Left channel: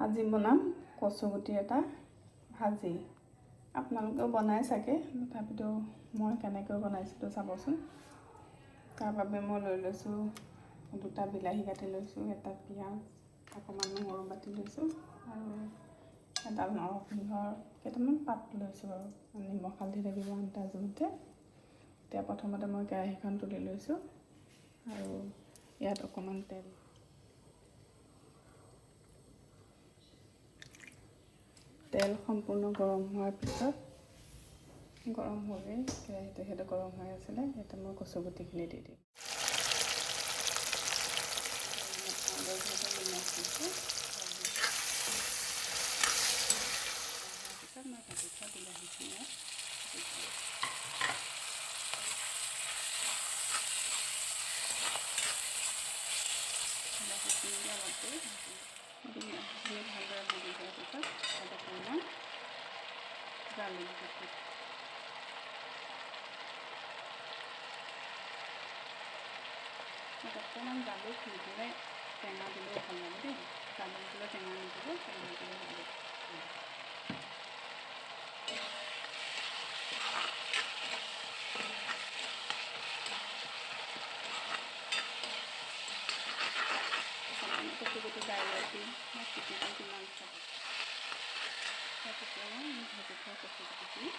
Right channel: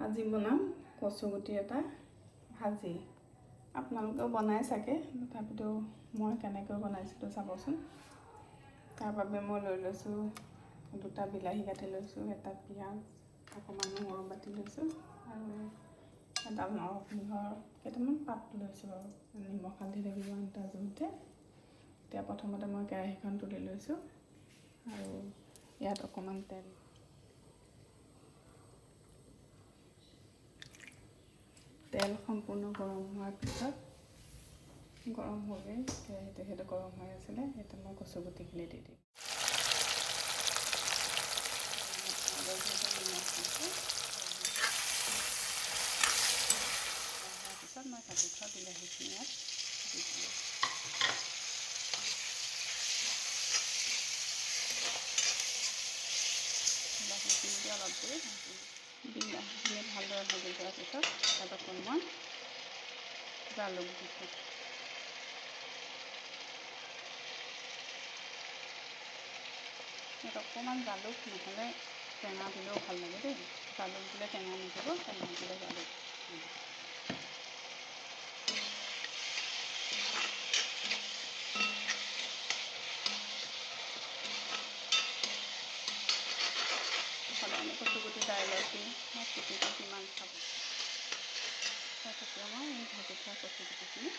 আজি বনাম কচুগুটি এটা ভাজি। আপোনালোকেও বনাই চাগে, তথাপিতো মই কেনেকৈ বনাইছিলোঁ চাবচোন। তাৰ বাবে মই লৈ লৈছোঁ 2টা বিলাহী কাটি লৈছোঁ, এটা পিঁয়াজ, অকণমান নহৰু বাটি লৈছোঁ আৰু এটা নৰসিংহৰ কেইটামান পাত লৈছোঁ বাৰু। নিমখ হালধি লাগিব আন্দাজ জোখতে। এতিয়া প্ৰথমতে মই কেৰাহীখন তুলি লৈছোঁ আৰু ইয়াত অকণমান তেল সম্পূৰ্ণ গৰম হোৱাৰ পিছত, গৰম হ'লেই কেৰাহীটো সেইটো গৰম হৈ আছিলে, সেইটো মই কচুগুটিখিনি দি দিম। তাৰপিছত মই কাটি থোৱা বিলাহীখিনি ইয়াত দি দিম। বিলাহীখিনি অলপ দেৰি বিলাহীখিনি ভালদৰে ভাজি দিয়াৰ পিছত তাত অকণমান জালুক দি দিম। ইয়াত অকণমান জালুক নহ'লে টেঙা দিলেও ভাল লাগে দেই। জালুক দিলে টেঙা নিদিব, টেঙা দিলে জালুক। সদায়নো কচুগুটি দাইলত বা পিটিকা কিমান খাব। তাৰপিছত মই ভাজি থোৱা কচুগুটিখিনি